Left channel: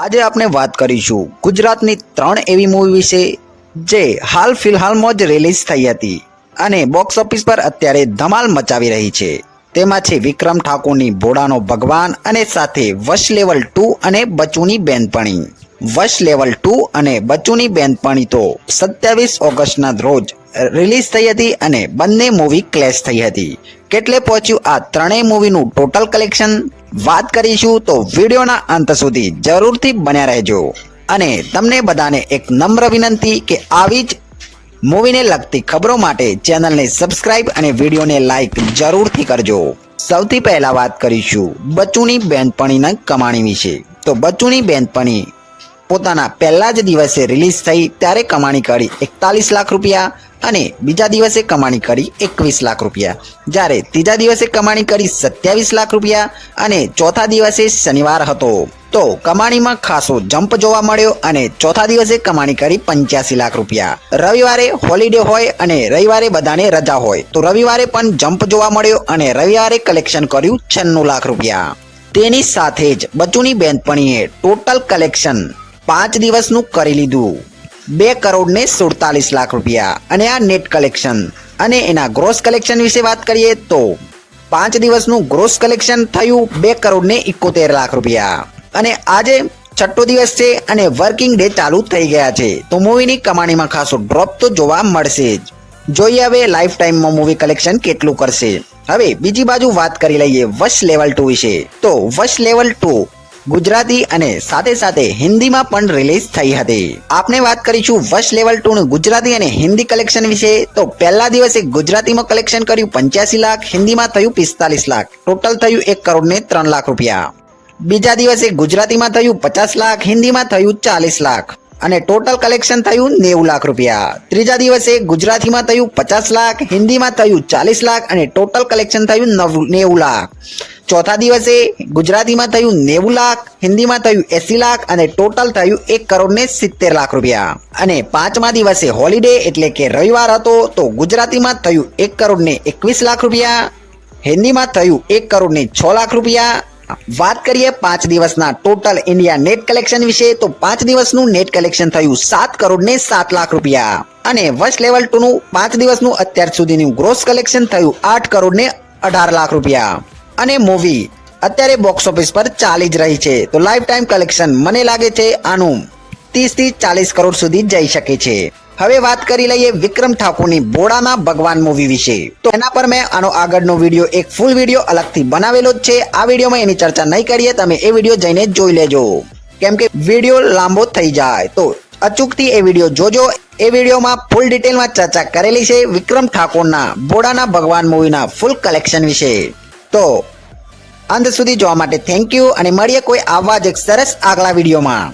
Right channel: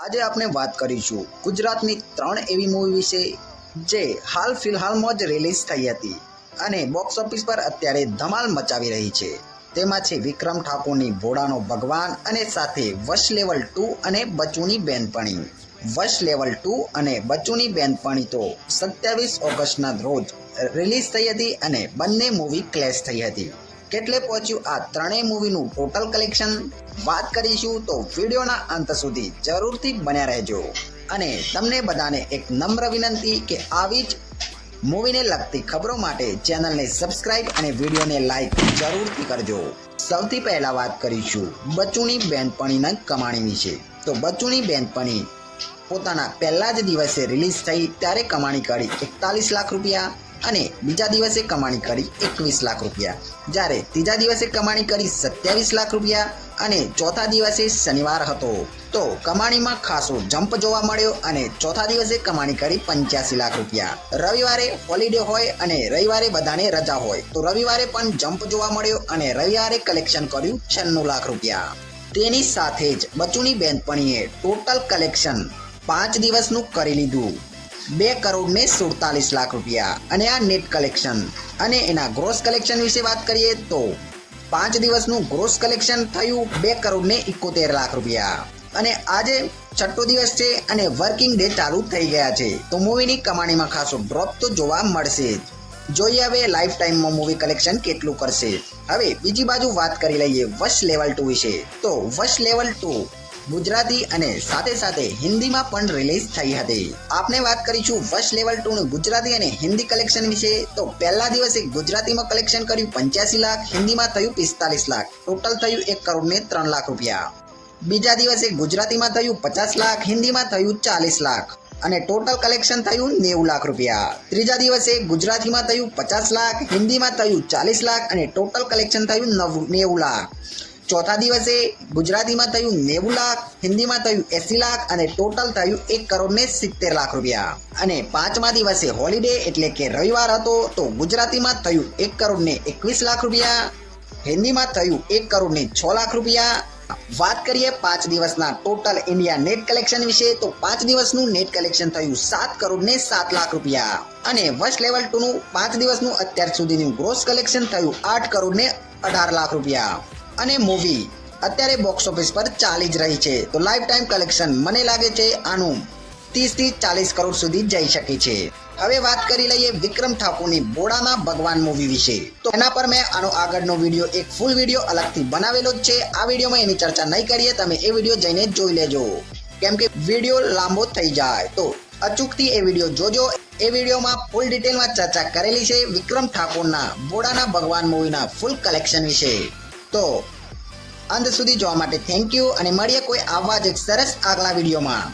આજે આપણે વાત કરીશું ગુજરાતની 3 એવી મૂવી વિશે જે હાલ ફિલહાલમાં જ રિલીઝ થઈ હતી અને બોક્સ ઓફિસ પર અત્યારે ધમાલ મચાવી રહી છે. તેમાં છે વિક્રમ ઠાકોરની ભોળાનો ભગવાન અને સાથે વશ લેવલ 2 અને બચુની બેનપણી. વશ લેવલ 2 અને બચુની બેનપણી તો 27 ઓગસ્ટના રોજ રિલીઝ થઈ હતી અને બંને મૂવી ક્લેશ થઈ હતી. કેટલે પહોંચ્યું આ ત્રણેય મૂવીનું ટોટલ કલેક્શન વાત કરીશું, તો વિડીયોના અંત સુધી જરૂરથી બન્યા રહેજો. અને તમને બધાને એક નમ્ર વિનંતી કે આવી જ મૂવીને લગતી ખબરો માટે ચેનલને સબસ્ક્રાઇબ અને વિડીયોને લાઈક જરૂરથી કરજો. સૌથી પહેલા વાત કરીશું બચુની બેનપણીના કમાણી વિશે. તો બચુની બેનપણી પોતાના પહેલા જ દિવસે રિલીઝ થઈ ત્યારે કમાણી કરી 41 લાખ રૂપિયા અને બીજા દિવસે કમાણી કરી 21 લાખ રૂપિયા, જ્યારે ત્રીજા દિવસે કમાણી કરી 27 લાખ રૂપિયા અને ચોથા દિવસે શનિવાર હતો તો કમાણીમાં ખાસો જમ્પ જોવા મળ્યો અને ચોથા દિવસે કમાણી કરી 85 લાખ રૂપિયા. રવિવારે હોલિડે હોય અને રવિવારે બધાને રજા હોય તો રવિવારે પણ જમ્પ જોવા મળ્યો અને રવિવારે કલેક્શન કર્યું 96 લાખ રૂપિયા. તેની સાથે જ બચુની બેનપણીએ ટોટલ કલેક્શન 5 દિવસનું કરી લીધું 2 કરોડ ને 47 લાખ રૂપિયા અને આ નેટ કલેક્શન. અને એના ગ્રોસ કલેક્શન વિશે વાત કરીએ તો 5 દિવસનું ગ્રોસ કલેક્શન થયું 2 કરોડ ને 71 લાખ રૂપિયા. અને આજે છઠ્ઠો દિવસ છે અને વર્કિંગ ડે ચાલુ થઈ ગયા છે તો મૂવીની કમાણીમાં ખાસો ડ્રોપ તો જોવા મળશે જ. જોઈએ હવે લાઈફ ટાઈમમાં મૂવી કલેક્શન કેટલું કરશે. હવે બીજી બાજુ વાત કરી લઈએ વશ લેવલ 2 વિશે. તો વશ લેવલ 2 ગુજરાતી અને સાથે સાથે હિન્દીમાં પણ રિલીઝ થઈ હતી. આપણે વાત કરીશું વશ લેવલ 2 નું ગુજરાતી અને હિન્દી કલેક્શન વિશે. તો પહેલા દિવસે ગુજરાતીમાં કલેક્શન કર્યું 85 લાખ, હિન્દીમાં થયું 45 લાખ, ટોટલ થયું 1 કરોડ ને 3 લાખ રૂપિયા. બીજા દિવસે ગુજરાતીમાં થયું 50 લાખ, હિન્દીમાં થયું 40 લાખ અને ટોટલ કલેક્શન થયું 90 લાખ રૂપિયા. ત્રીજા દિવસે ગુજરાતીમાં થયું 50 લાખ, હિન્દીમાં થયું 40 લાખ અને ટોટલ કલેક્શન થયું 90 લાખ. ચોથા દિવસે ગુજરાતીમાં થયું 90 લાખ, હિન્દીમાં થયું 80 લાખ અને ટોટલ થયું 1 કરોડ ને 70 લાખ રૂપિયા. અને પાંચમા દિવસે હોલિડે એટલે કે રવિવાર હતો તો ગુજરાતીમાં થયું 1 કરોડ ને 21 લાખ રૂપિયા, હિન્દીમાં થયું 1 કરોડ ને 6 લાખ રૂપિયા. વાત કરીએ 5 દિવસના ટોટલ ઇન્ડિયા નેટ કલેક્શન વિશે. તો 5 દિવસનું નેટ કલેક્શન થયું 7 કરોડ ને 7 લાખ રૂપિયા અને વશ લેવલ 2 નું 5 દિવસનું અત્યાર સુધીનું ગ્રોસ કલેક્શન થયું 8 કરોડ ને 18 લાખ રૂપિયા. અને મૂવી અત્યારે બોક્સ ઓફિસ પર ચાલી જ રહી છે તો લાઈફ ટાઈમ કલેક્શન મને લાગે છે આનું 30 થી 40 કરોડ સુધી જઈ શકે છે. હવે વાત કરી લઈએ વિક્રમ ઠાકોરની ભોળાના ભગવાન મૂવી વિશે. તો એના પર મેં આનો આગળનો વિડીયો એક ફૂલ વિડીયો અલગથી બનાવેલો જ છે. આ વિડીયોમાં એની ચર્ચા નહીં કરીએ, તમે એ વિડીયો જઈને જોઈ લેજો કેમ કે વિડીયો લાંબો થઈ જાય. તો અચૂકથી એ વિડીયો જોજો. એ વિડીયોમાં ફૂલ ડિટેલમાં ચર્ચા કરેલી છે વિક્રમ ઠાકોરના ભોળાના ભગવાન મૂવીના ફૂલ કલેક્શન વિશે. તો અંત સુધી જોવા માટે થેન્ક યુ અને મળીએ કોઈ આવા જ એક સરસ આગલા વિડીયોમાં.